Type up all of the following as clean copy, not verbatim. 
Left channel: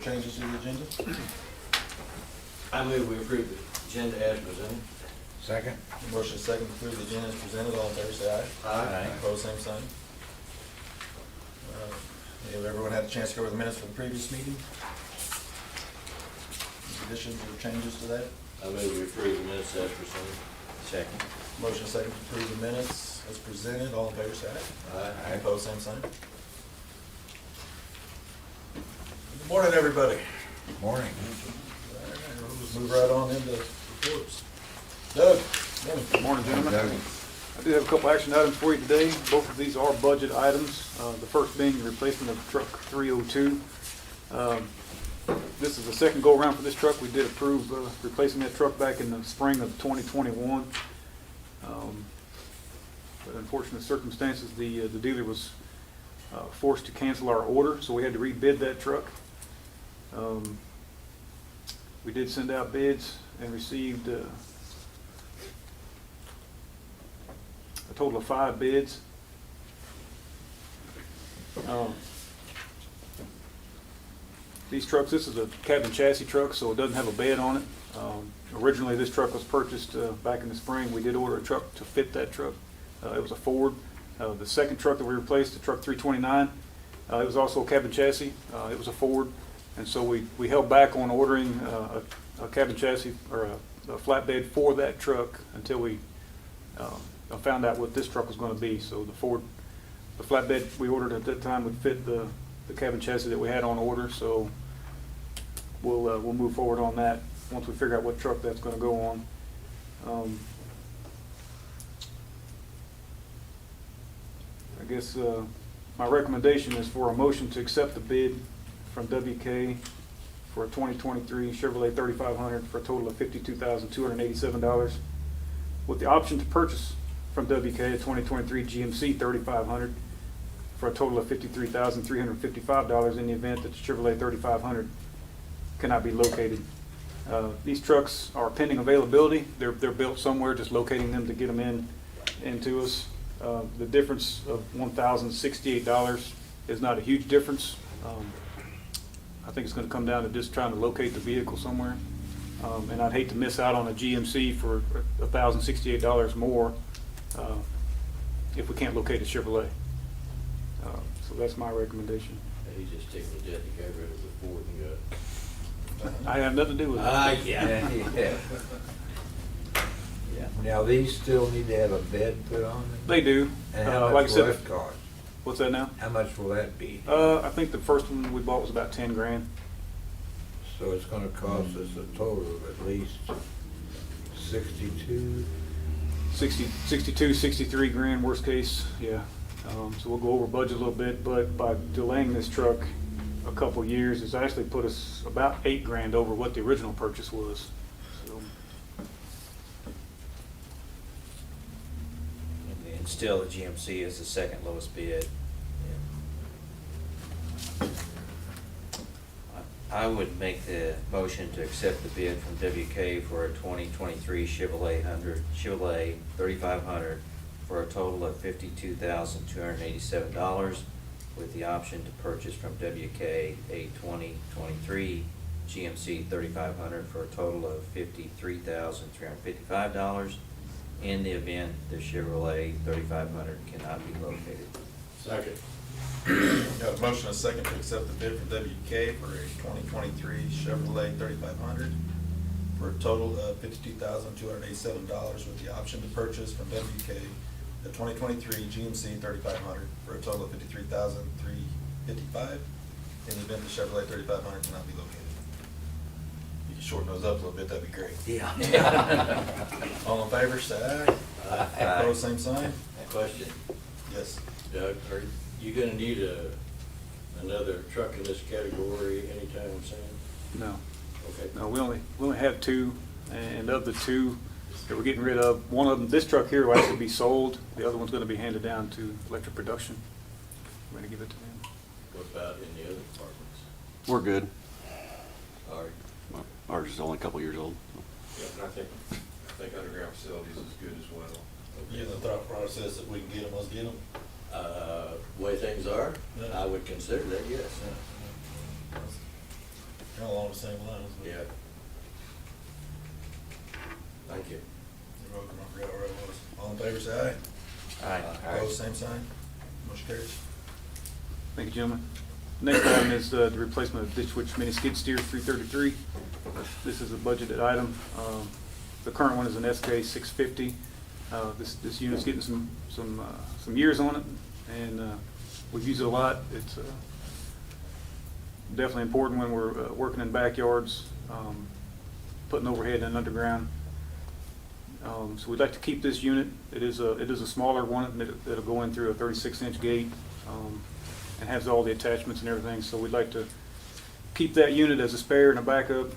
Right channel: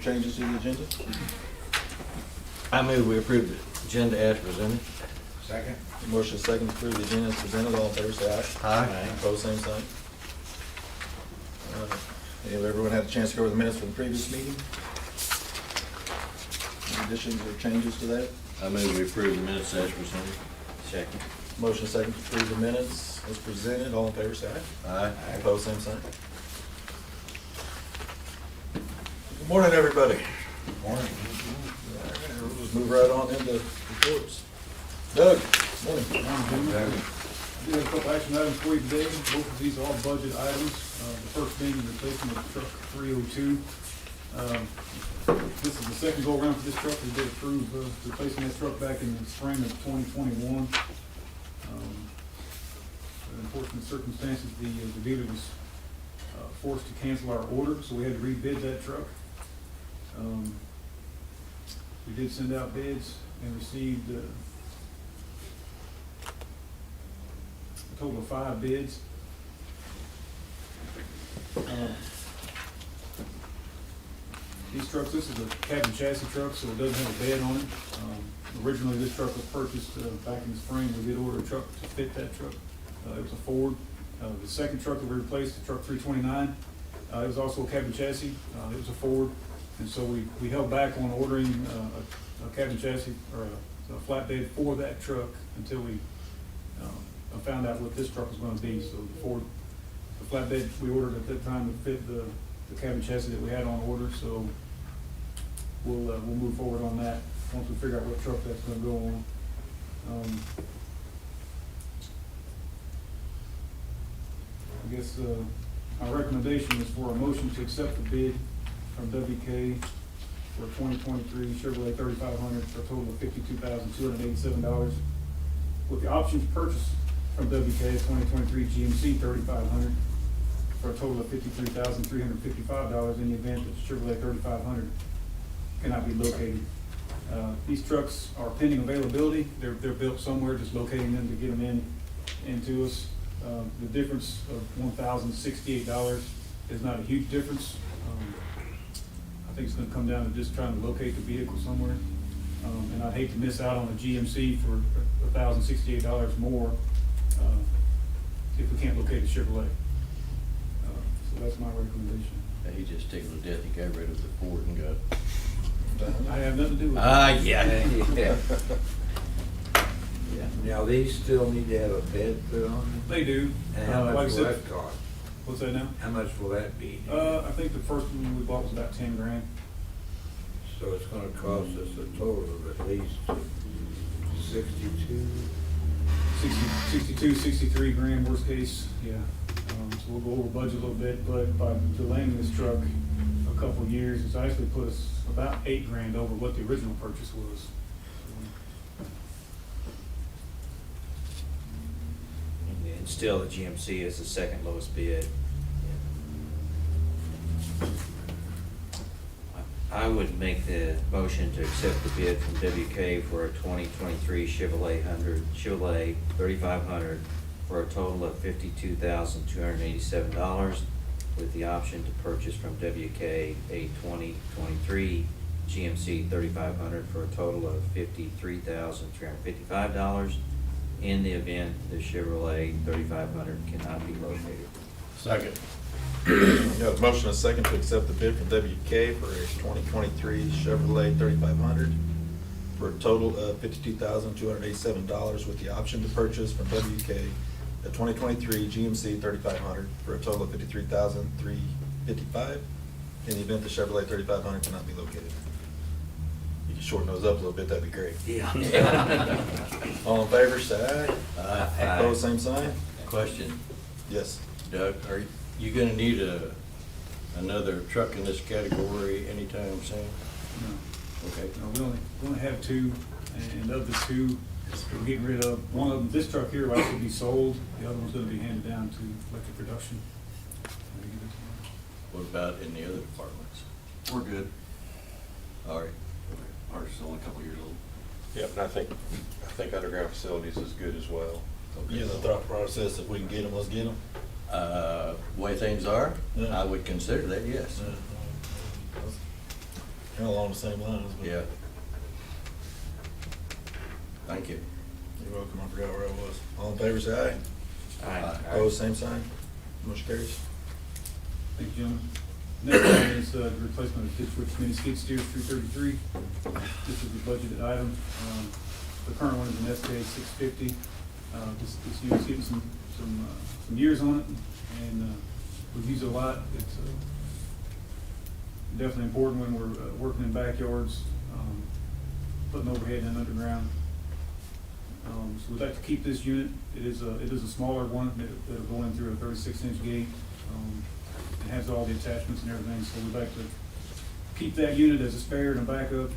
Changes to the agenda? I move we approve the agenda as presented. Second. Motion is second to approve the agenda as presented. All in favor, say aye. Aye. Opposed, same sign. Have everyone had a chance to go over the minutes from the previous meeting? Any additions or changes to that? I move we approve the minutes as presented. Second. Motion is second to approve the minutes as presented. All in favor, say aye. Aye. Opposed, same sign. Good morning, everybody. Morning. All right, we'll just move right on into reports. Doug, morning. Morning, gentlemen. I do have a couple action items for you today. Both of these are budget items. The first being the replacement of truck 302. This is the second go around for this truck. We did approve replacing that truck back in the spring of 2021. But unfortunate circumstances, the dealer was forced to cancel our order, so we had to rebid that truck. We did send out bids and received a total of 5 bids. These trucks, this is a cabin chassis truck, so it doesn't have a bed on it. Originally, this truck was purchased back in the spring. We did order a truck to fit that truck. It was a Ford. The second truck that we replaced, the truck 329, it was also a cabin chassis. It was a Ford. And so we held back on ordering a cabin chassis or a flatbed for that truck until we found out what this truck was going to be. So the flatbed we ordered at that time would fit the cabin chassis that we had on order. So we'll move forward on that once we figure out what truck that's going to go on. I guess my recommendation is for a motion to accept the bid from WK for a 2023 Chevrolet 3500 for a total of $52,287, with the option to purchase from WK a 2023 GMC 3500 for a total of $53,355 in the event that the Chevrolet 3500 cannot be located. These trucks are pending availability. They're built somewhere, just locating them to get them into us. The difference of $1,068 is not a huge difference. I think it's going to come down to just trying to locate the vehicle somewhere. And I'd hate to miss out on a GMC for $1,068 more if we can't locate a Chevrolet. So that's my recommendation. He just tickled to death. He got rid of the Ford and got. I have nothing to do with it. Yeah. Yeah. Yeah. Now, these still need to have a bed put on them? They do. And how Like I much will said, that cost? what's that now? How much will that be? I think the first one we bought was about 10 grand. So it's gonna cost us a total of at least 62? 62, 63 grand, worst case, yeah. So we'll go over budget a little bit, but by delaying this truck a couple years, it's actually put us about 8 grand over what the original purchase was. So, And still, the GMC is the second lowest bid. I would make the motion to accept the bid from WK for a 2023 Chevrolet 3500 for a total of $52,287, with the option to purchase from WK a 2023 GMC 3500 for a total of $53,355 in the event the Chevrolet 3500 cannot be located. Second. Got a motion and a second to accept the bid from WK for a 2023 Chevrolet 3500 for a total of $52,287, with the option to purchase from WK a 2023 GMC 3500 for a total of $53,355 in the event the Chevrolet 3500 cannot be located. You can shorten those up a little bit, that'd be great. Yeah. All in favor, say aye. Aye. Opposed, same sign. Question, Yes. Doug, are you gonna need another truck in this category anytime soon? no, Okay. no, we only have 2, and of the 2 that we're getting rid of, one of them, this truck here will actually be sold. The other one's going to be handed down to electric production. We're going to give it to them. What about in the other departments? We're good. All right. Ours is only a couple years old. Yep, and I think underground facilities is good as well. Yeah, the thought process, if we can get them, let's get them. Way things are, Yeah. I would consider that, yes. Along the same lines, but. Yeah. Thank you. You're welcome, I forgot where I was. All in favor, say aye. Aye. Opposed, same sign. Motion carries. Thank you, gentlemen. Next one is the replacement of ditch switch mini skid steer 333. This is a budgeted item. The current one is an SK 650. This unit's getting some years on it, and we've used it a lot. It's definitely important when we're working in backyards, putting overhead and underground. So we'd like to keep this unit. It is a smaller one that'll go in through a 36-inch gate, and has all the attachments and everything. So we'd like to keep that unit as a spare and a backup.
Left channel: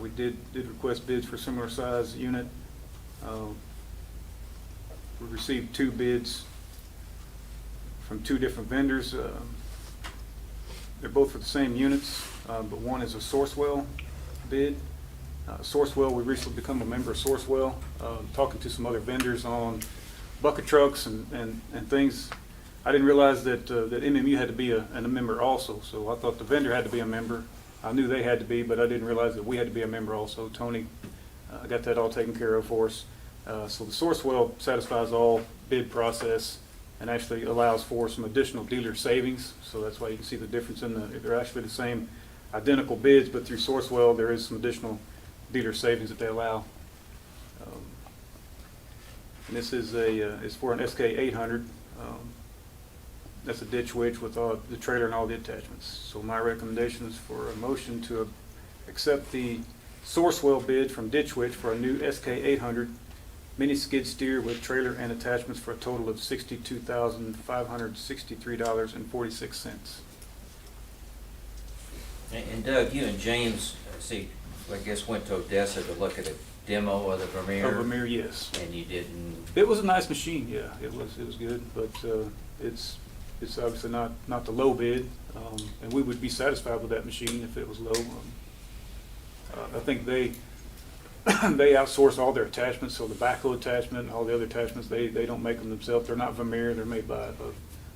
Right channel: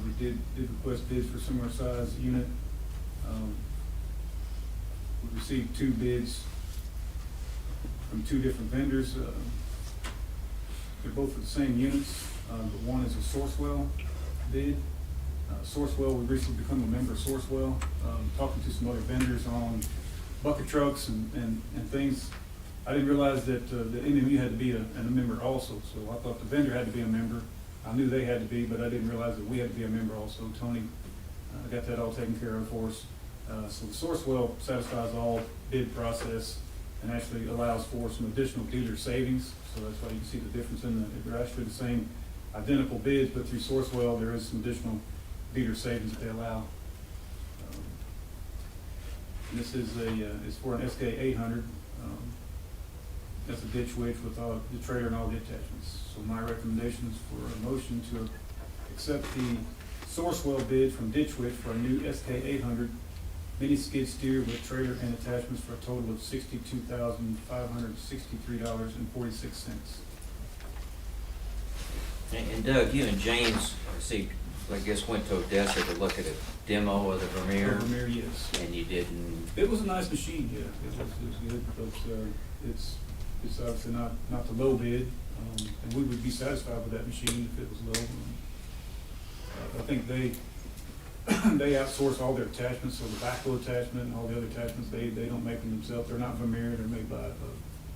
We did request bids for similar size unit. We received 2 bids from 2 different vendors. They're both for the same units, but one is a Sourcewell bid. Sourcewell, we recently become a member of Sourcewell, talking to some other vendors on bucket trucks and things. I didn't realize that MMU had to be a member also, so I thought the vendor had to be a member. I knew they had to be, but I didn't realize that we had to be a member also. Tony got that all taken care of for us. So the Sourcewell satisfies all bid process and actually allows for some additional dealer savings. So that's why you can see the difference they're actually the same identical bids, but through Sourcewell there is some additional dealer savings that they allow. And this is for an SK 800. That's a ditch witch with the trailer and all the attachments. So my recommendation is for a motion to accept the Sourcewell bid from Ditch Witch for a new SK 800 mini skid steer with trailer and attachments for a total of $62,563.46. And Doug, you and James, I guess went to Odessa to look at a demo of the Vermeer. Vermeer, yes. And you didn't, It was a nice machine, yeah. It was good, but it's obviously not the low bid, and we would be satisfied with that machine if it was low. I think they outsource all their attachments, so the backhoe attachment and all the other attachments, they don't make them themselves. They're not Vermeer, they're made by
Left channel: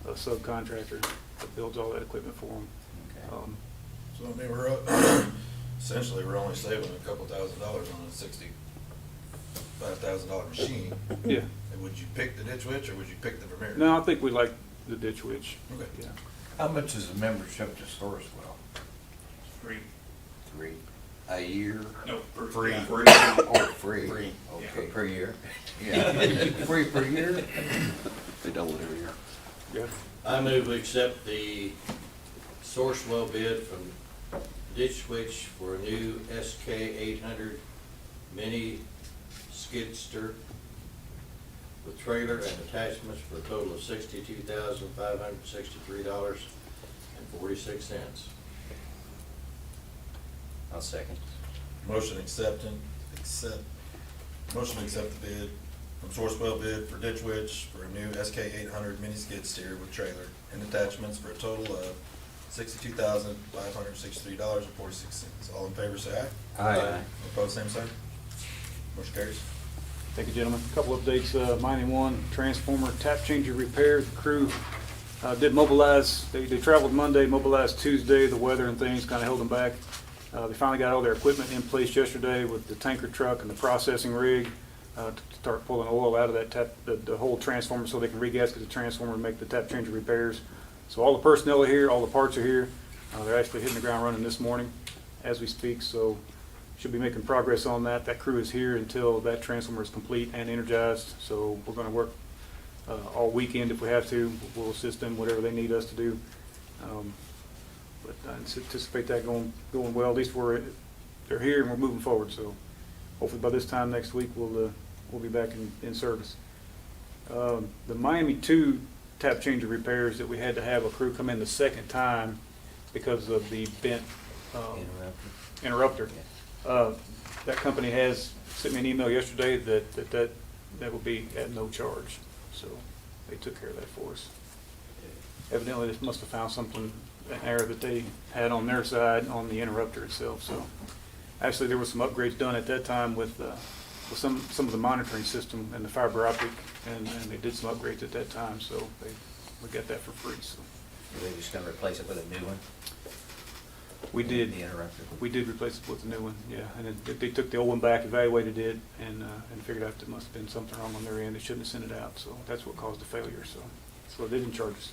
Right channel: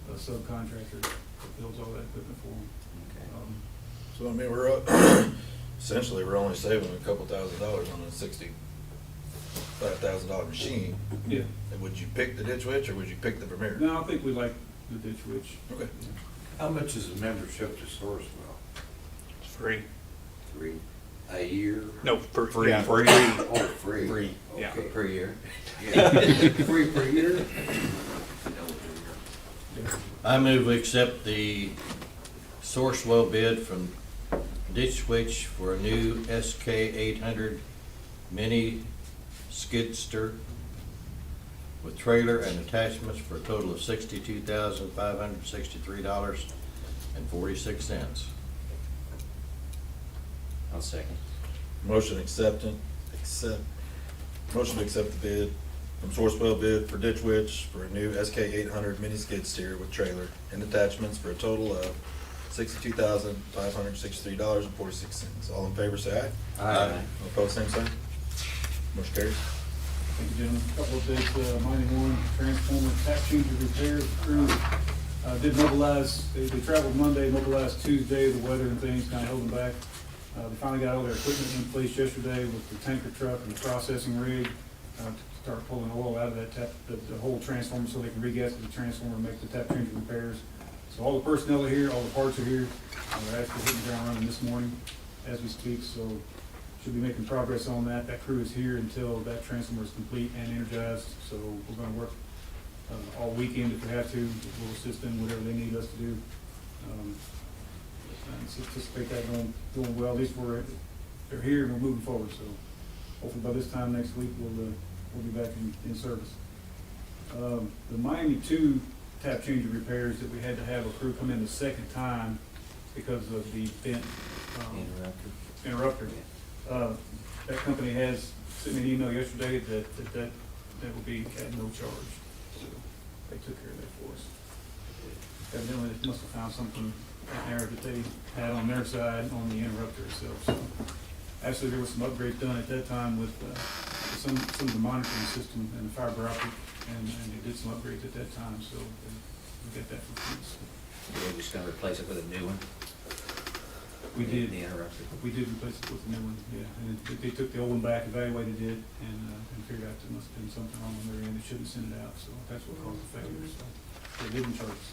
a subcontractor that builds all that equipment for them. okay. So I mean, we're essentially we're only saving a couple $1,000s on a $65,000 machine. Yeah. And would you pick the ditch witch or would you pick the Vermeer? No, I think we like the Ditch Witch. Okay. Yeah. How much is a membership to Sourcewell? Free. 3 a year? No, for Free. yeah. Free. Oh, free. Free. Yeah. Okay. Per year. Yeah. Free per year? They double every year. Yeah. I move we accept the Sourcewell bid from Ditch Witch for a new SK 800 mini skidster with trailer and attachments for a total of $62,563.46. I'll second. Motion to accept the bid from Sourcewell bid for ditch witch for a new SK 800 mini skid steer with trailer and attachments for a total of $62,563.46. All in favor, say aye. Aye. All opposed, same sign. Motion carries. Thank you, gentlemen. A couple updates, mining one, transformer tap changer repairs. The crew did mobilize, they traveled Monday, mobilized Tuesday. The weather and things kind of held them back. They finally got all their equipment in place yesterday with the tanker truck and the processing rig to start pulling oil out of that the whole transformer so they can regasket the transformer and make the tap changer repairs. So all the personnel are here, all the parts are here. They're actually hitting the ground running this morning as we speak, so should be making progress on that. That crew is here until that transformer is complete and energized, so we're gonna work all weekend if we have to. We'll assist them whatever they need us to do. But I anticipate that going well. At least they're here and we're moving forward, so hopefully by this time next week we'll be back in service. The Miami 2 tap changer repairs that we had to have a crew come in the second time because of the bent interrupter. Yeah. That company has sent me an email yesterday that will be at no charge, so they took care of that for us. Evidently, they must have found something, an error that they had on their side on the interrupter itself. So actually, there were some upgrades done at that time with some of the monitoring system and the fiber optic, and they did some upgrades at that time, so we got that for free. So You're just gonna replace it with a new one? We did. The interrupter. We did replace it with a new one, yeah, and then they took the old one back, evaluated it, and figured out there must have been something wrong on their end, they shouldn't have sent it out, so that's what caused the failure, so they didn't charge us.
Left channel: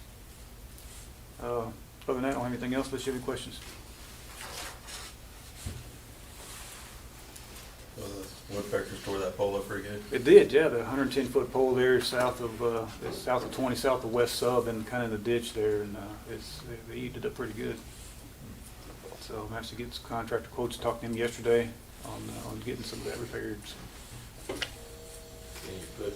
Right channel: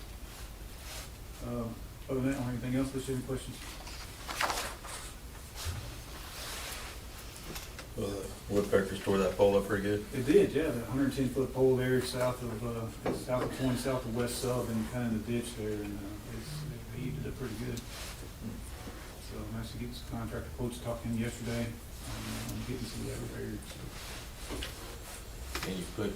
Other than that, I don't have anything else, unless you have any questions. Woodpeckers tore that pole up pretty good. It did, yeah, the 110-foot pole there south of 20, south of West Sub, and kind of the ditch there, and they eated it up pretty good. So I managed to get some contractor quotes, talked to him yesterday on getting some of that repaired. So. Can you put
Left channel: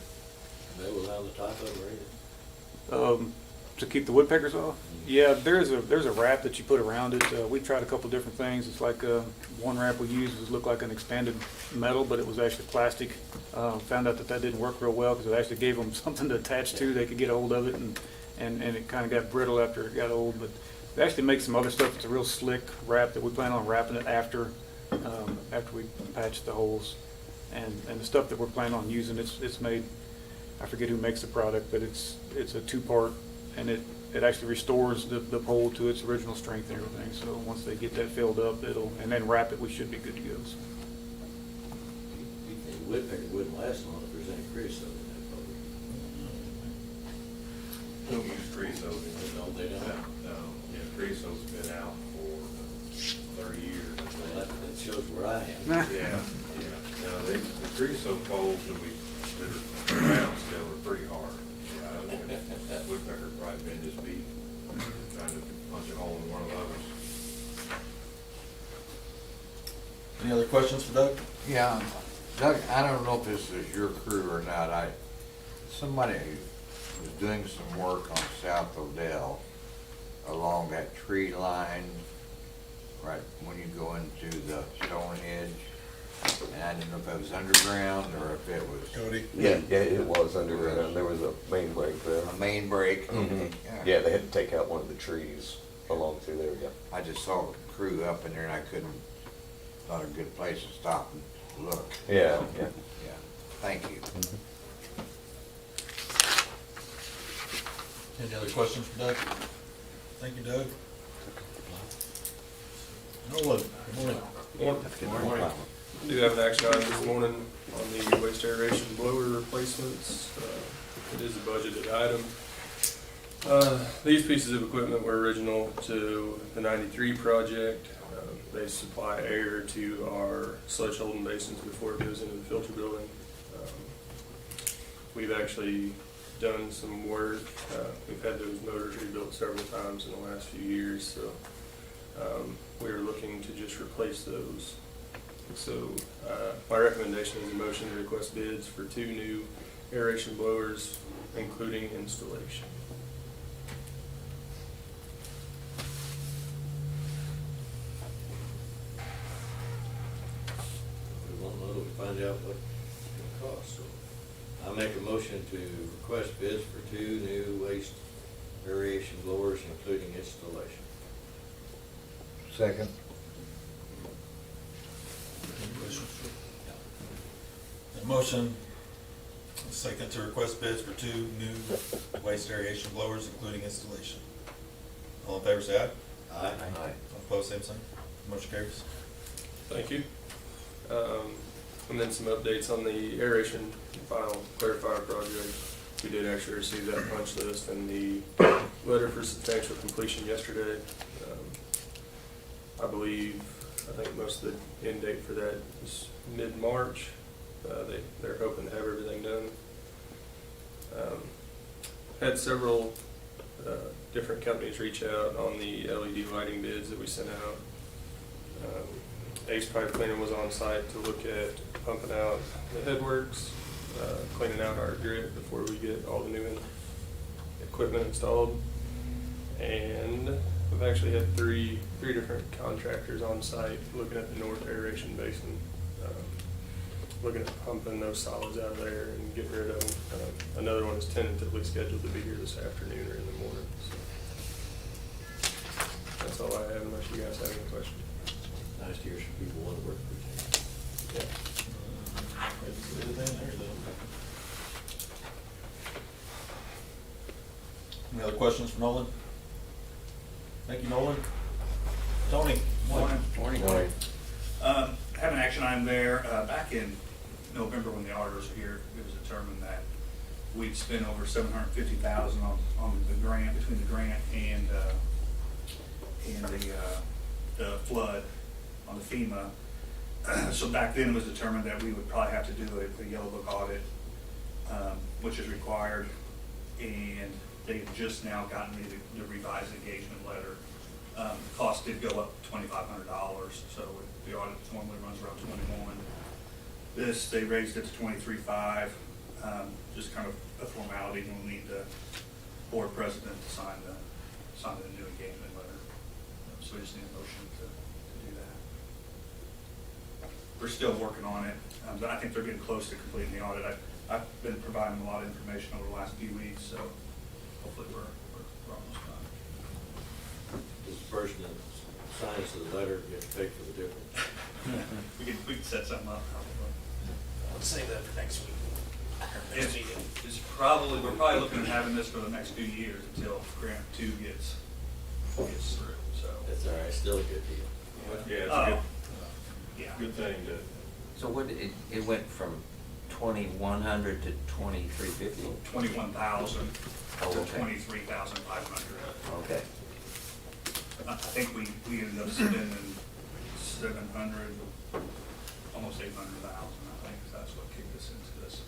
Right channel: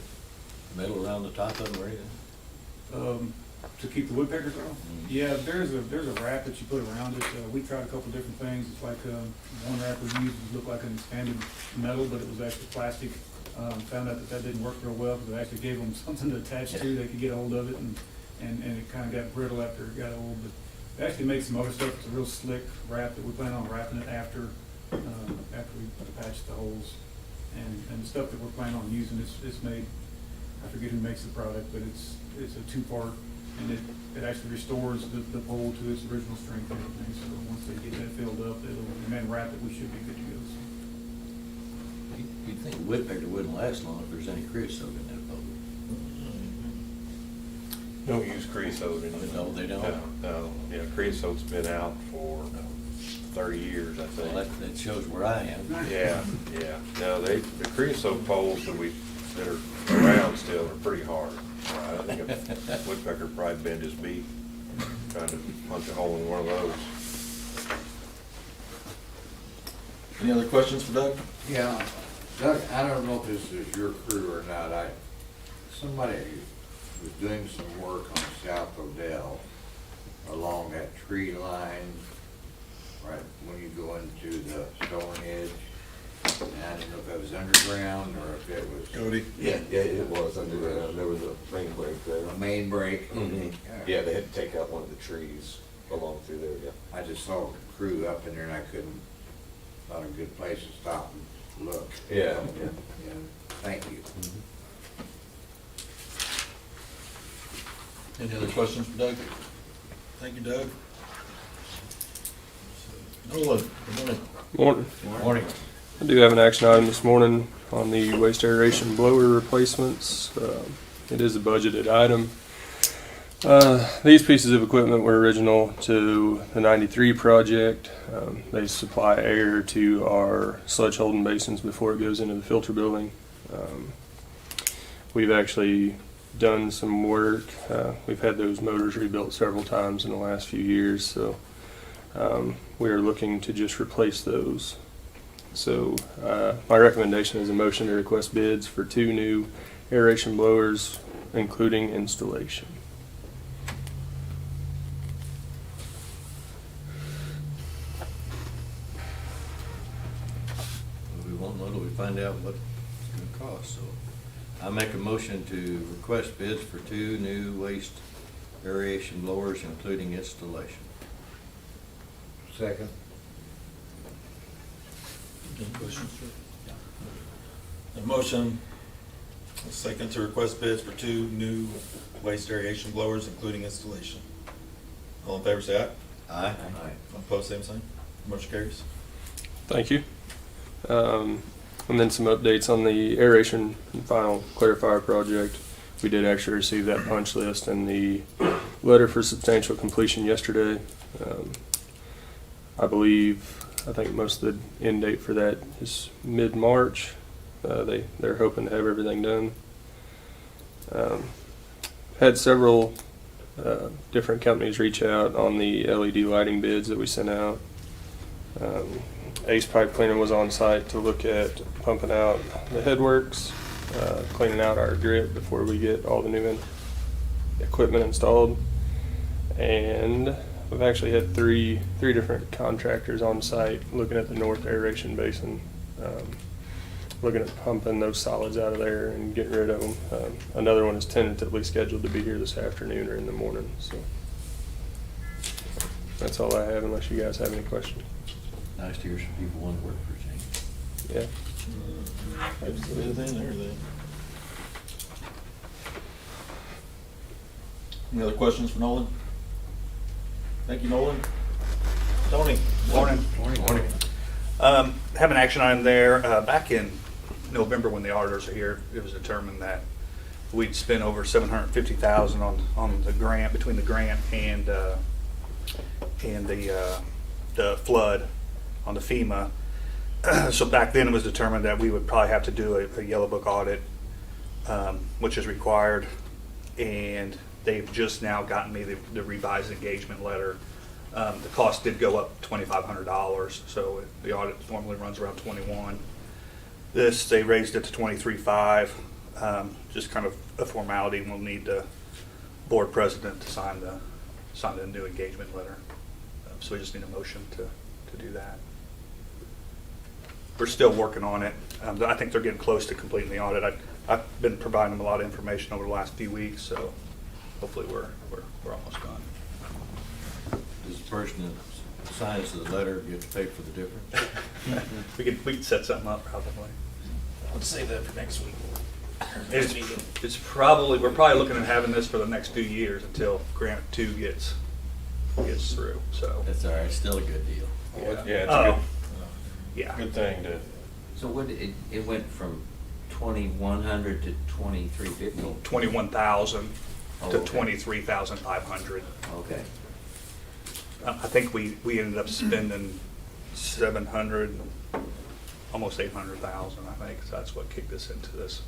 metal on the top of them or anything? To keep the woodpeckers off? Yeah, there's a wrap that you put around it. We tried a couple different things. It's like, one wrap we used looked like an expanded metal, but it was actually plastic. Found out that didn't work real well, because it actually gave them something to attach to. They could get a hold of it, and it kind of got brittle after it got old. But they actually make some other stuff. It's a real slick wrap that we plan on wrapping it after we patch the holes. And the stuff that we're planning on using, it's made, I forget who makes the product, but it's a two-part, and it actually restores the pole to its original strength and everything. So once they get that filled up, and then wrap it, we should be good to go. So. You'd think a woodpecker wouldn't last long if there's any creosote in that pole. Don't use creosote in it. No, they don't? No, yeah, creosote's been out for 30 years, I think. Well, that shows where I am. Yeah. No, the creosote poles that are around still are pretty hard. I think a woodpecker probably bend his beak trying to punch a hole in one of those. Any other questions for Doug? Yeah, Doug, I don't know if this is your crew or not, somebody was doing some work on South Odell along that tree line, right when you go into the stone edge. And I didn't know if it was underground or if it was Cody? Yeah, it was underground. There was a main break there. a main break. Mhm. Yeah, they had to take out one of the trees along through there, yeah. I just saw a crew up in there and I couldn't, not a good place to stop and look. Yeah. Yeah, thank you. Any other questions for Doug? Thank you, Doug. Nolan, good morning. Morning. Good morning. I do have an action item this morning on the waste aeration blower replacements. It is a budgeted item. These pieces of equipment were original to the 93 project. They supply air to our sludge holding basins before it goes into the filter building. We've actually done some work. We've had those motors rebuilt several times in the last few years, so we are looking to just replace those. So my recommendation is a motion to request bids for 2 new aeration blowers, including installation. We won't know till we find out what it's gonna cost, so. I make a motion to request bids for 2 new waste aeration blowers, including installation. Second. Any questions? A motion, a second to request bids for 2 new waste aeration blowers, including installation. All in favor, say aye. Aye. All opposed, same sign. Motion carries. Thank you. And then some updates on the aeration and final clarifier project. We did actually receive that punch list and the letter for substantial completion yesterday. I think most of the end date for that is mid-March. They're hoping to have everything done. Had several different companies reach out on the LED lighting bids that we sent out. Ace Pipe Cleaner was on site to look at pumping out the headworks, cleaning out our grit before we get all the new equipment installed. And we've actually had three different contractors on site looking at the north aeration basin, looking at pumping those solids out of there and getting rid of them. Another one is tentatively scheduled to be here this afternoon or in the morning. So that's all I have, unless you guys have any questions. Nice to hear some people want to work for a change. Yeah. Anything there, though? Any other questions for Nolan? Thank you, Nolan. Tony? Morning. Morning. Have an action item there. Back in November, when the auditors are here, it was determined that we'd spent over $750,000 on the grant, between the grant and the flood on the FEMA. So back then it was determined that we would probably have to do a Yellow Book audit, which is required. And they've just now gotten me the revised engagement letter. The cost did go up $2,500, so the audit normally runs around 21. This, they raised it to 23.5, just kind of a formality. We'll need the board president to sign the new engagement letter. So we just need a motion to do that. We're still working on it. I think they're getting close to completing the audit. I've been providing them a lot of information over the last few weeks, so hopefully we're almost done. Does the person that signs the letter get to pay for the difference? We can set something up probably. Let's save that for next week. It's probably, we're probably looking at having this for the next 2 years until grant 2 gets through, so. That's all right, still a good deal. Yeah, it's Oh, a yeah. good thing to, So what, it went from 2,100 to 2,350? 21,000 Oh, to okay. 23,500. Okay. I think we ended up spending 700, almost 800,000, I think. So that's what kicked us into this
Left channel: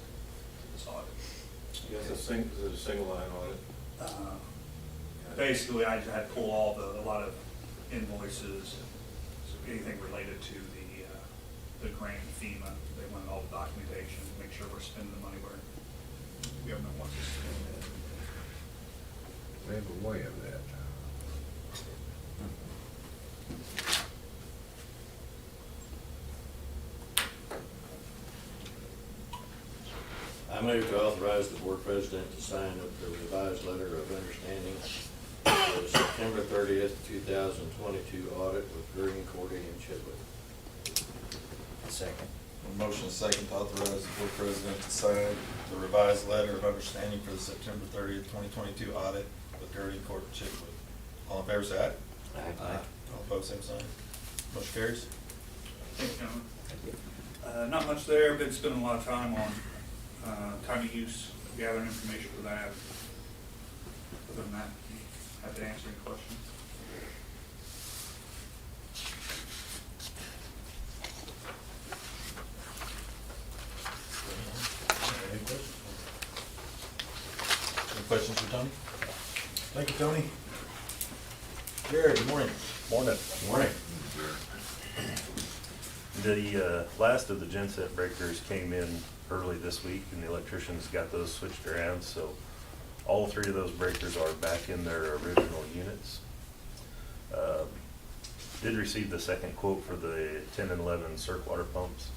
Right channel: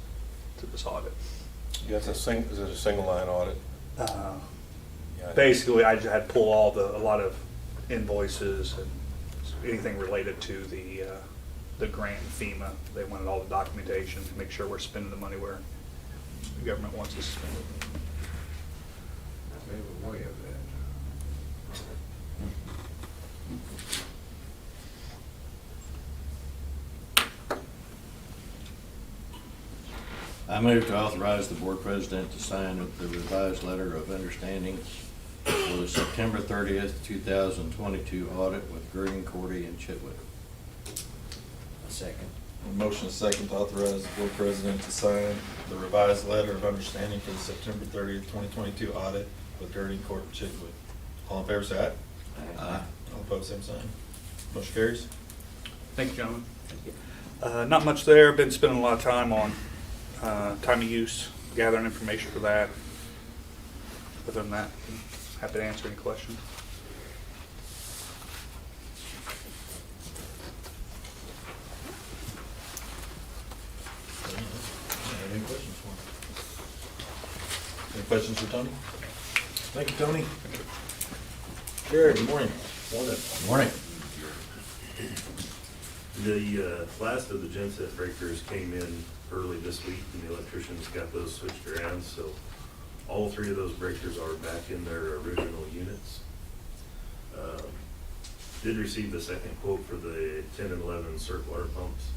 audit. yeah, is it a single line audit? Yeah. Basically, I just had to pull a lot of invoices and anything related to the grant FEMA. They wanted all the documentation to make sure we're spending the money where the government wants us to spend it. We have a way of that. I move to authorize the board president to sign the revised letter of understanding for the September 30th, 2022 audit with Green, Cordy, and Chitwood. A second. Motion is second to authorize the board president to sign the revised letter of understanding for the September 30th, 2022 audit with Gurney, Court, and Chitwood. All in favor, say aye. Aye. All opposed, same sign. Motion carries. Thank you, gentlemen. Thank you. Not much there. Been spending a lot of time on time of use, gathering information for that. Other than that, happy to answer any questions. Any questions for him? Any questions for Tony? Thank you, Tony. Jared, good morning. Morning. Morning. The last of the genset breakers came in early this week, and the electricians got those switched around, so all 3 of those breakers are back in their original units. Did receive the second quote for the 10 and 11 circ water pumps.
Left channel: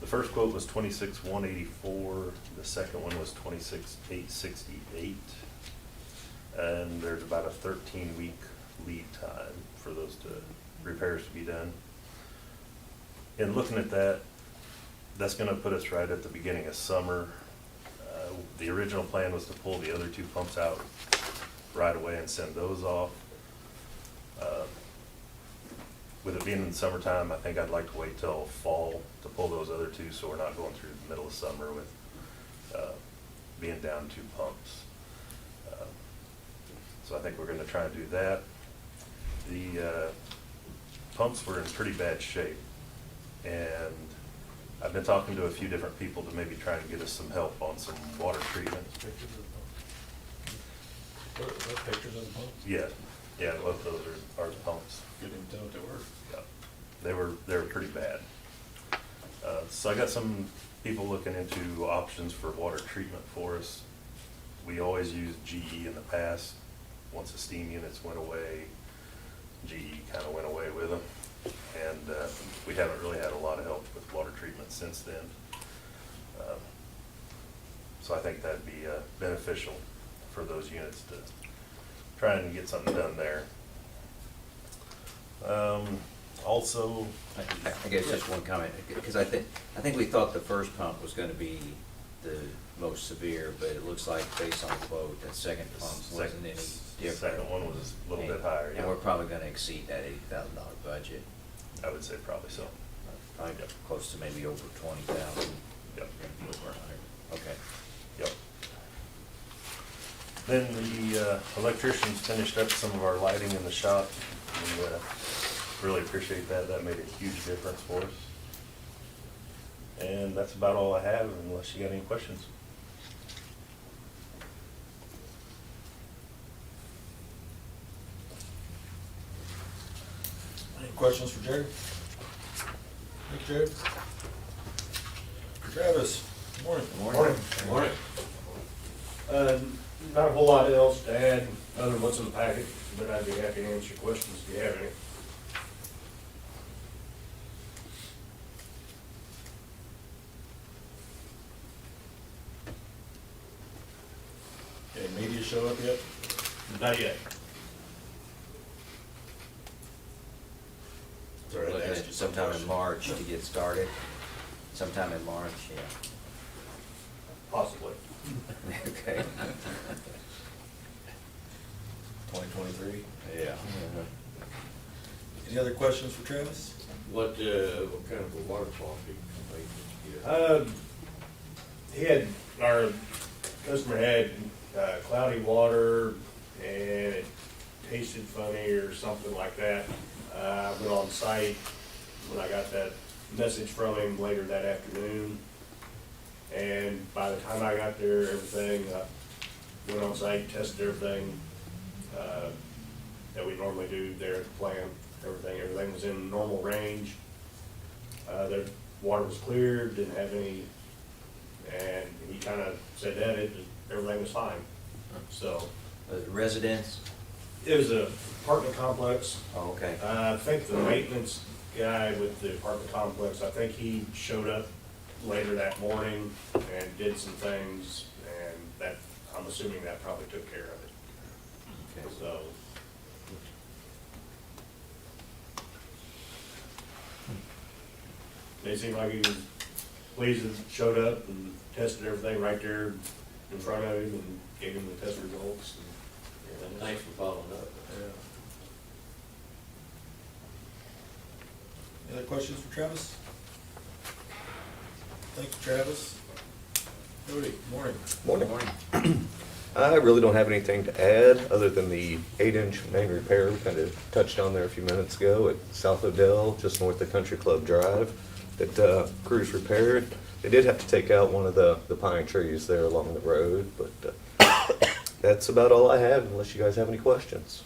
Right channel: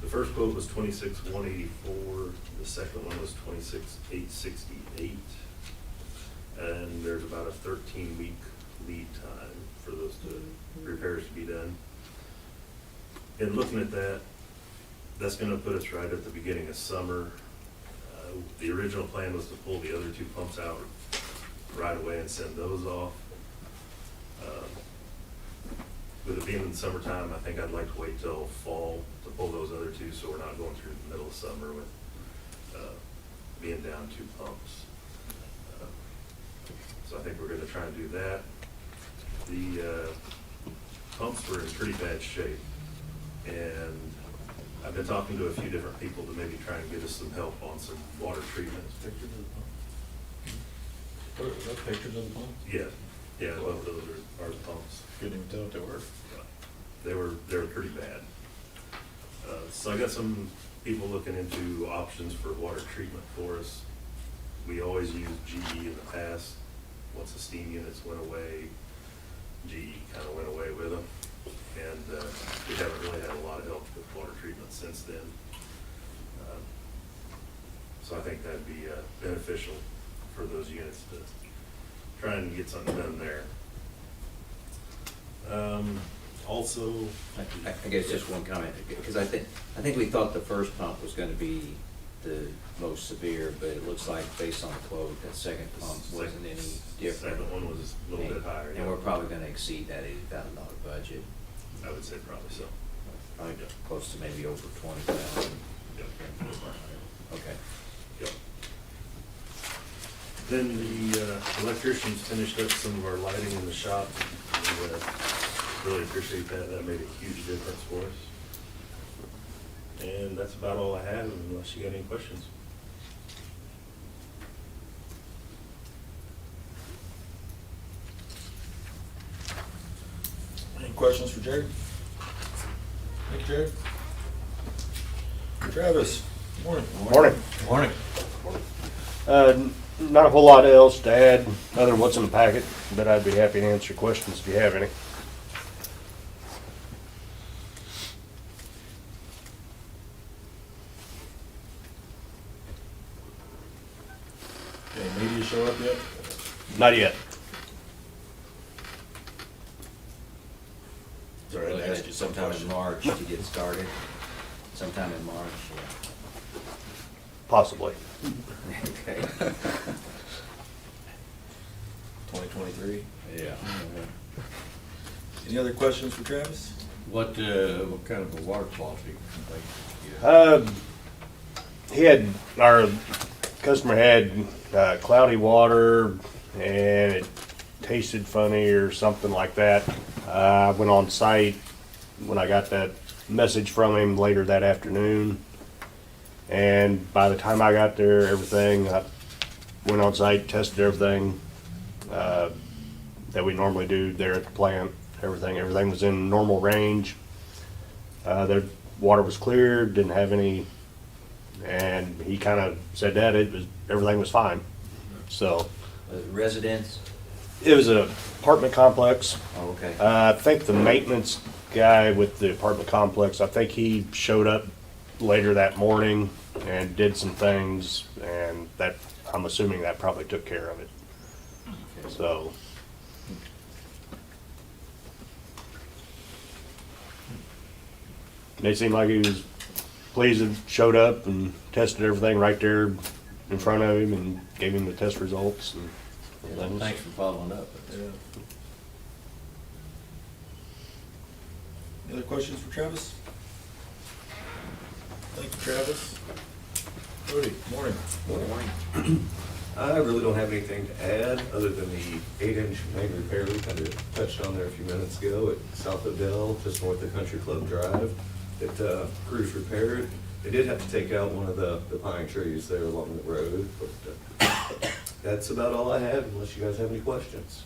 The first quote was $26,184, the second one was $26,868. And there's about a 13-week lead time for those repairs to be done. And looking at that, that's gonna put us right at the beginning of summer. The original plan was to pull the other 2 pumps out right away and send those off. With it being in the summertime, I think I'd like to wait till fall to pull those other 2, so we're not going through the middle of summer with being down 2 pumps. So I think we're gonna try and do that. The pumps were in pretty bad shape, and I've been talking to a few different people to maybe try and get us some help on some water treatment. Pictures of the pump? What are those pictures of the pump? Yeah, both those are the pumps. Couldn't even tell if they were. Yeah, they were pretty bad. So I got some people looking into options for water treatment for us. We always used GE in the past. Once the steam units went away, GE kind of went away with them. And we haven't really had a lot of help with water treatment since then. So I think that'd be beneficial for those units to try and get something done there. Also, I guess just one comment, because I think we thought the first pump was gonna be the most severe, but it looks like based on the quote, that second pump wasn't any different. Second one was a little bit higher, And yeah. we're probably gonna exceed that $80,000 budget, I would say probably so. probably close to maybe over 20,000. Yep. Okay. Yep. Then the electricians finished up some of our lighting in the shop. We really appreciate that. That made a huge difference for us. And that's about all I have, unless you got any questions. Any questions for Jared? Thank you, Jared. Travis, good morning. Morning. Morning. Not a whole lot else to add, other than what's in the packet, but I'd be happy to answer questions if you have any. Okay, media show up yet? Not yet. Sorry, I Looking asked at you some sometime in question. March to get started. Sometime in March, yeah. Possibly. Okay. 2023. Yeah. Any other questions for Travis? What kind of a water quality complaint did you get? Our customer had cloudy water and it tasted funny or something like that. I went on site when I got that message from him later that afternoon. And by the time I got there, I went on site, tested everything that we normally do there at the plant. Everything was in normal range. Their water was clear, didn't have any, and he kind of said that everything was fine. So Was it residents? it was an apartment complex. Oh, okay. I think the maintenance guy with the apartment complex, I think he showed up later that morning and did some things, and that, I'm assuming that probably took care of it. Okay. So, and it seemed like he was pleased and showed up and tested everything right there in front of him and gave him the test results. And Yeah, thanks for following up. Yeah. Any other questions for Travis? Thank you, Travis. Cody, morning. Morning. I really don't have anything to add, other than the 8-inch main repair we kind of touched on there a few minutes ago at South Odell, just north of Country Club Drive, that crews repaired. They did have to take out one of the pine trees there along the road, but that's about all I have, unless you guys have any questions.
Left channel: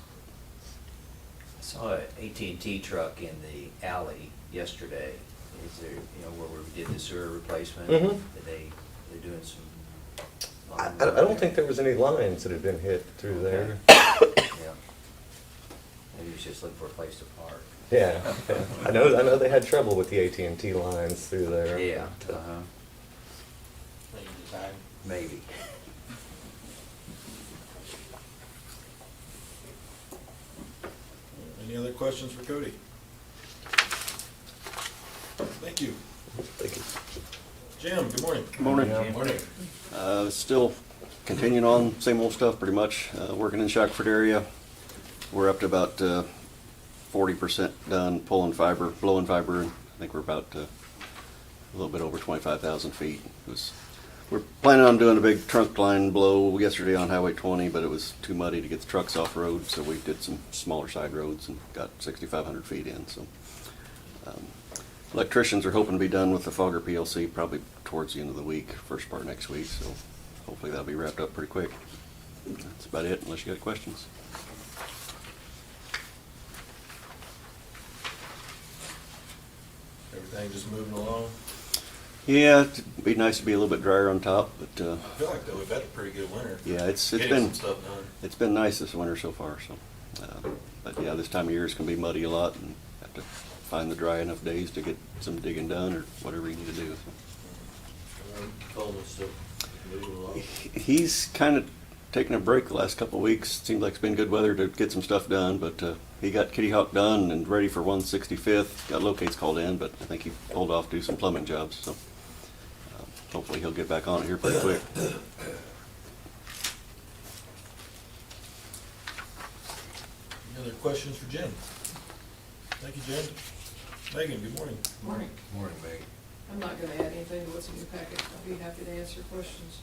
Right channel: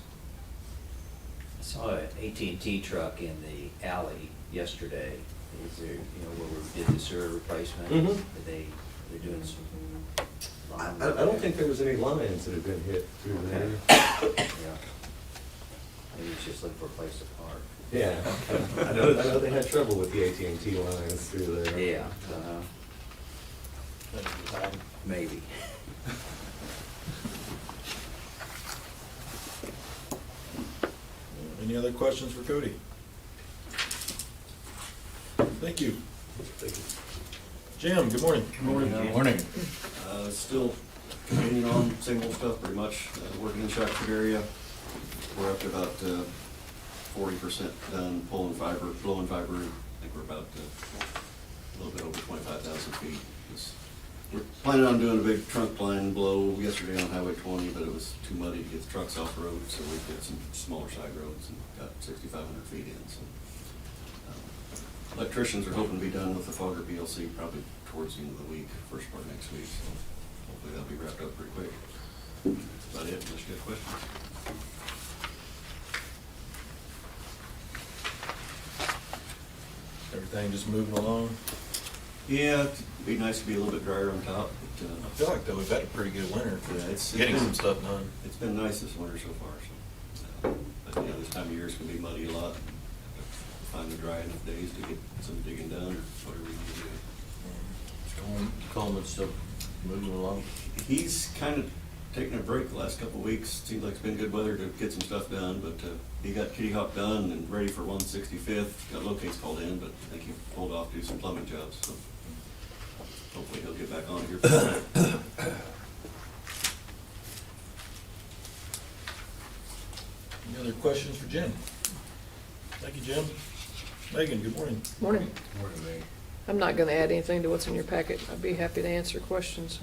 I saw an AT&T truck in the alley yesterday. Is there, where we did the sewer replacement? Mhm. They're doing some. I don't think there was any lines that had been hit through there. Yeah. Maybe it's just looking for a place to park. Yeah, okay. I know they had trouble with the AT&T lines through there. Yeah, Thank you for your time. maybe. Any other questions for Cody? Thank you. Thank you. Jim, good morning. Morning. Still continuing on, same old stuff pretty much, working in Shackford area. We're up to about 40% done pulling fiber, blowing fiber, and I think we're about a little bit over 25,000 feet. We're planning on doing a big trunk line blow yesterday on Highway 20, but it was too muddy to get the trucks off road, so we did some smaller side roads and got 6,500 feet in. So electricians are hoping to be done with the Fogger PLC probably towards the end of the week, first part of next week, so hopefully that'll be wrapped up pretty quick. That's about it, unless you got questions. Everything just moving along? Yeah, it'd be nice to be a little bit drier on top, but I feel like though we've had a pretty good winter. for yeah, it's Getting been some stuff done. It's been nice this winter so far, so, but yeah, this time of year is gonna be muddy a lot, and have to find the dry enough days to get some digging done, or whatever you need to do. Coleman's still moving along. He's kind of taken a break the last couple of weeks. Seems like it's been good weather to get some stuff done, but he got Kitty Hawk done and ready for 165th. Got locates called in, but I think he pulled off to do some plumbing jobs, so hopefully he'll get back on it here pretty quick. Any other questions for Jim? Thank you, Jim. Megan, good morning. Morning. Morning, Meg. I'm not gonna add anything to what's in your packet. I'd be happy to answer questions.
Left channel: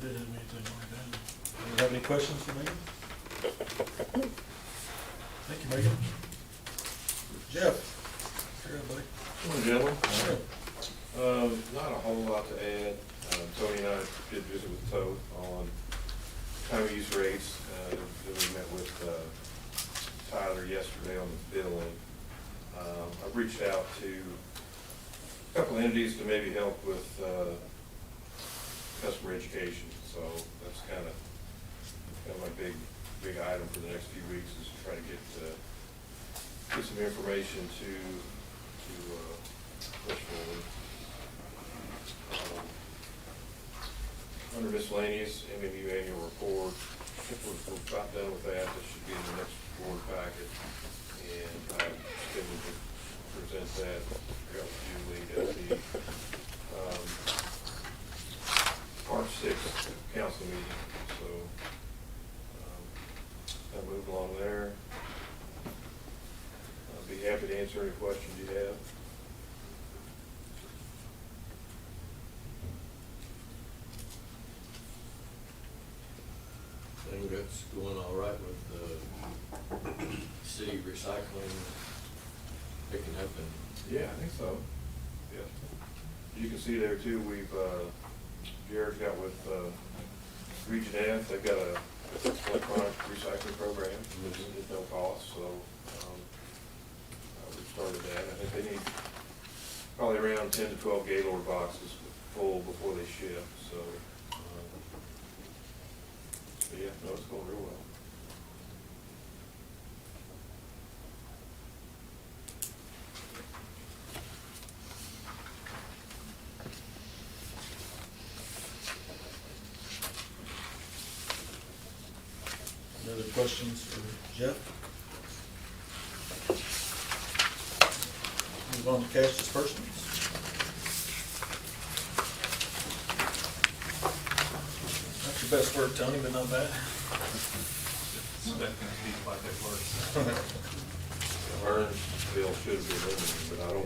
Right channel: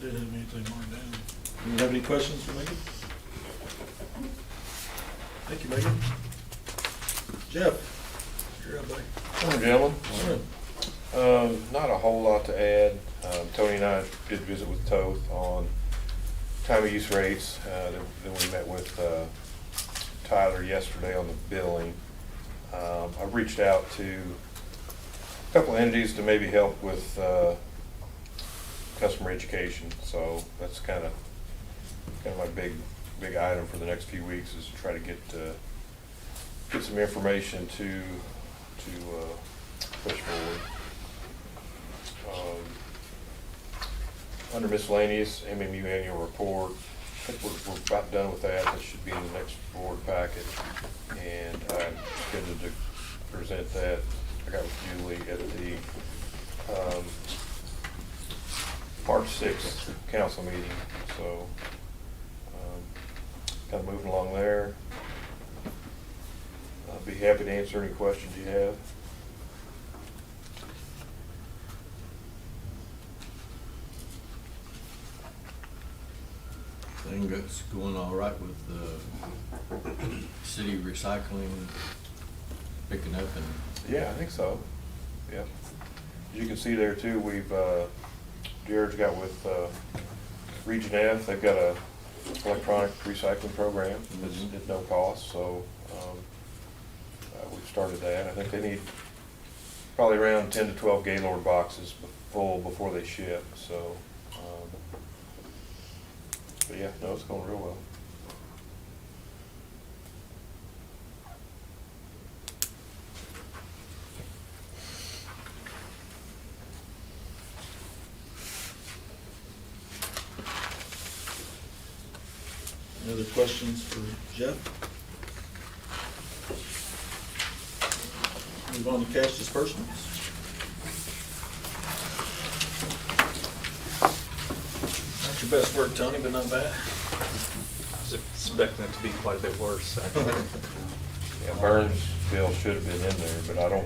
Didn't have anything marked down. Do you have any questions for Megan? Thank you, Megan. Jeff, you're up, buddy. Morning, gentlemen. Morning. Not a whole lot to add. Tony and I did visit with Toth on time of use rates. Then we met with Tyler yesterday on the billing. I reached out to a couple entities to maybe help with customer education. So that's kind of my big item for the next few weeks, is to try to get some information to push forward. Under miscellaneous, MMU annual report, I think we're about done with that. That should be in the next board packet. And I'm scheduled to present that. I got with Julie at the March 6th council meeting. So kind of moving along there. I'll be happy to answer any questions you have. Thing that's going all right with the city recycling picking up and. Yeah, I think so. Yeah. As you can see there too, we've, Jared's got with Region F, they've got a electronic recycling program that's at no cost, so we've started that. I think they need probably around 10 to 12 Gaylord boxes full before they ship, so. But yeah, no, it's going real well. Any other questions for Jeff? Move on to cash disbursements. Not your best work, Tony, but not bad. Expecting it to be quite a bit worse. Yeah, Burns bill should have been in there, but at our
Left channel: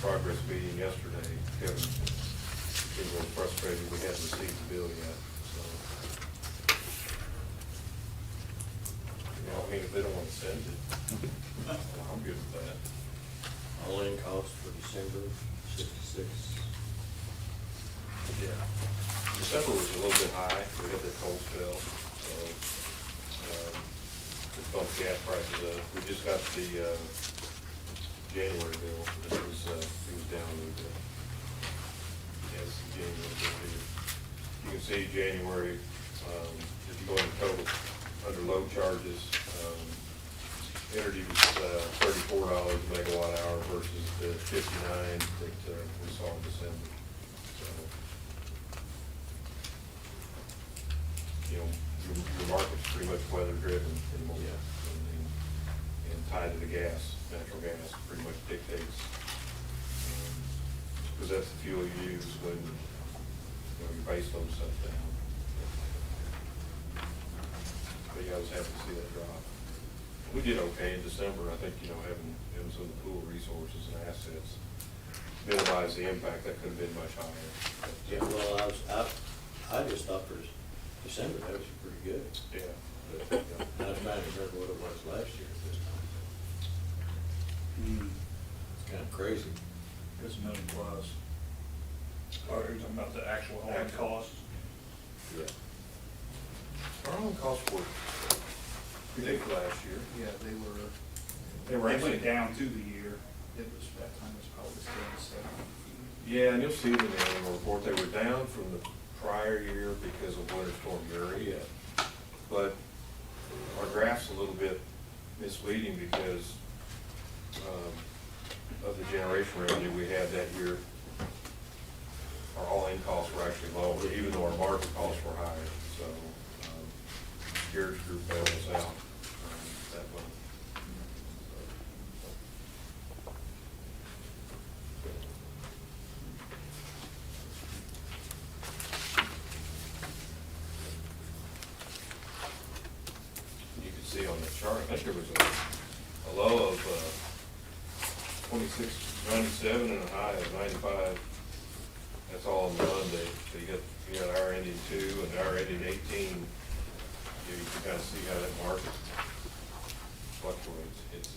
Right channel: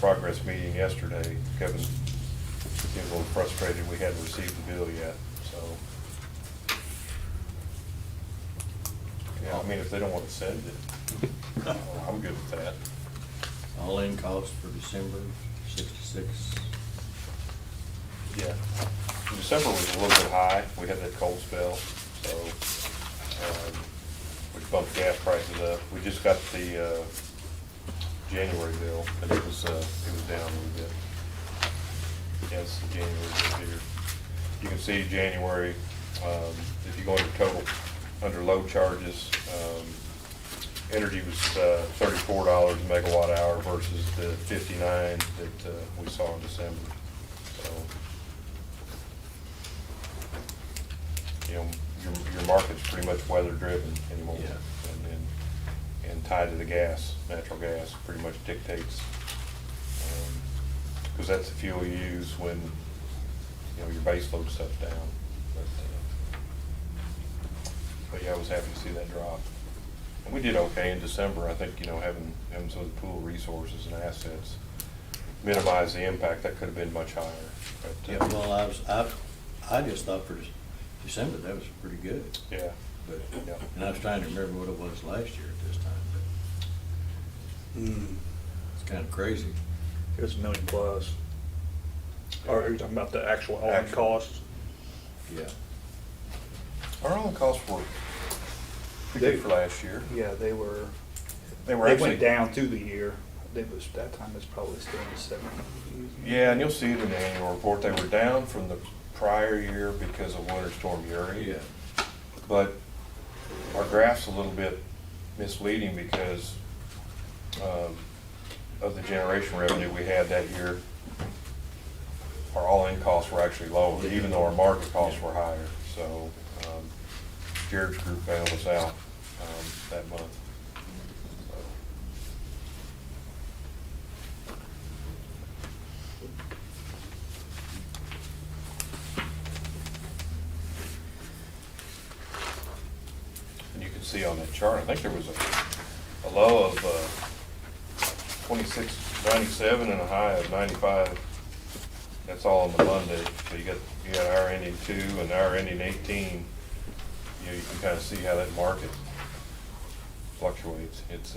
progress meeting yesterday, Kevin getting a little frustrated, we hadn't received the bill yet, so. Yeah, I mean, if they don't want to send it, I'm good with that. All-in cost for December, 66. Yeah. December was a little bit high, we had that cold spell, so, we bumped gas prices up. We just got the, January bill, and it was down a little bit. Yes, January bill here. You can see January, if you go into total, under load charges, energy was $34 a megawatt hour versus the 59 that we saw in December. So, you know, your market's pretty much weather driven anymore. Yeah. And tied to the gas, natural gas pretty much dictates, because that's the fuel you use when, you know, your base load stuff's down. But yeah, I was happy to see that drop. And we did okay in December. I think, you know, having some of the pool resources and assets minimize the impact. That could have been much higher. But, Yeah, well, I just thought for December, that was pretty good. Yeah. But, Yeah. and I was trying to remember what it was last year at this time, but it's kind of crazy. It was $1 million plus. Or are you talking about the actual all-in Actual. costs? Yeah. Our own costs were pretty good for last year. Yeah, they were. They were They actually went down through the year. That time it's probably still the same. Yeah, and you'll see it in the annual report. They were down from the prior year because of Winter Storm Uri. Yeah. But our graph's a little bit misleading because of the generation revenue we had that year, our all-in costs were actually lower, even though our market costs were higher. So Jared's group bailed us out that month. And you can see on that chart, I think there was a low of 26.97 and a high of 95. That's all on the Monday. So you got our ending 2 and our ending 18. You can kind of see how that market fluctuates. It's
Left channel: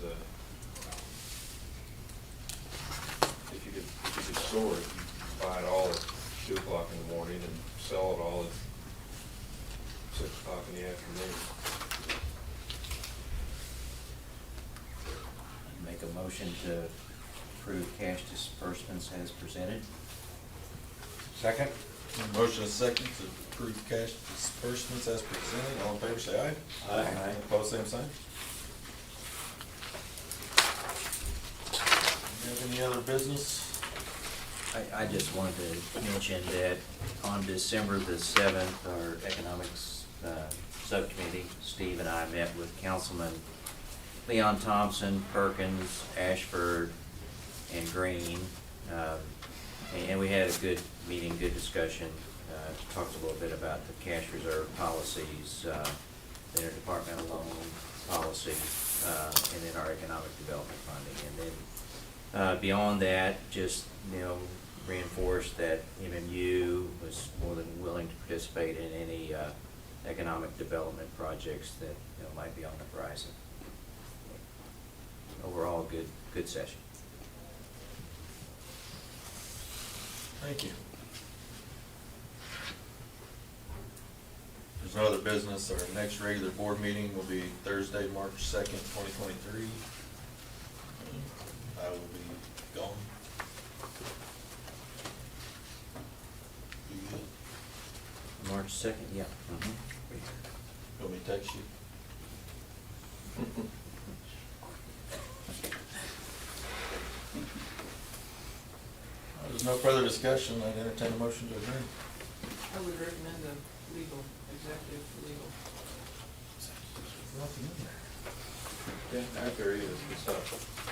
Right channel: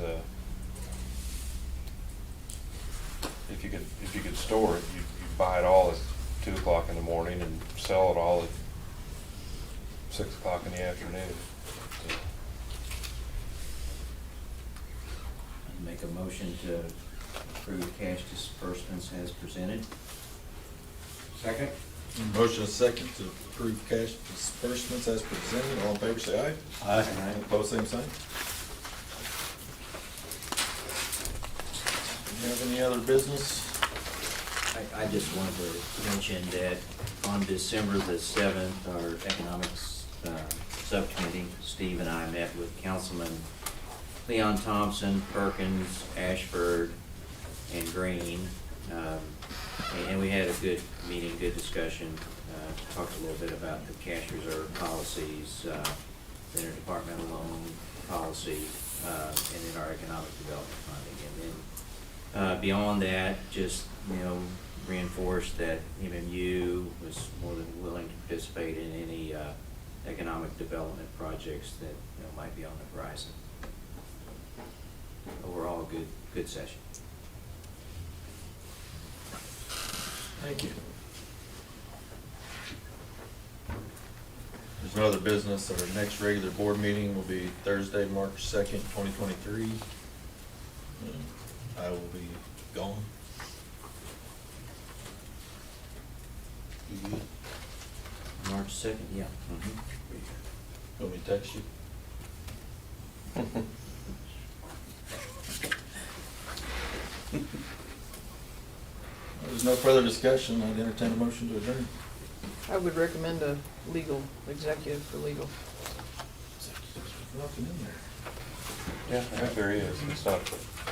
if you could store it, you buy it all at 2 o'clock in the morning and sell it all at 6 o'clock in the afternoon. I'd make a motion to approve cash disbursements as presented. Second? Motion is second to approve cash disbursements as presented. All in favor, say aye. Aye. Opposed, same sign. Do you have any other business? I just wanted to mention that on December the 7th, our economics subcommittee, Steve and I met with Councilman Leon Thompson, Perkins, Ashford, and Green. And we had a good meeting, good discussion. Talked a little bit about the cash reserve policies, the interdepartmental loan policy, and then our economic development funding. And then beyond that, just, reinforce that MMU was more than willing to participate in any economic development projects that might be on the horizon. Overall, good session. Thank you. There's no other business. Our next regular board meeting will be Thursday, March 2nd, 2023. I will be gone. You good? March 2nd, yeah. Want me to text you? There's no further discussion. I'd entertain a motion to adjourn. I would recommend a legal, executive for legal. Nothing in there. Yeah, there is. It's not.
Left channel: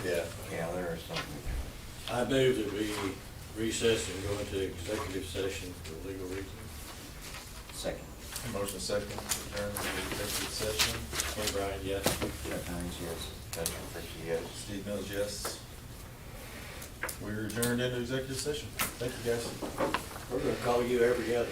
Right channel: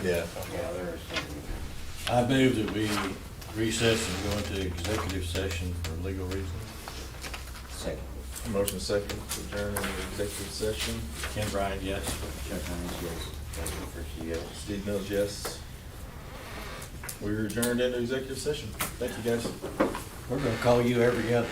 Yeah. Yeah, there is something. I move that we recess and go into executive session for legal reasons. Second. Motion second to adjourn into executive session. Ken Bryant, yes. Chuck Hines, yes. Justin Frischie, yes. Steve Mills, yes. We're adjourned into executive session. Thank you, guys. We're gonna call you every other.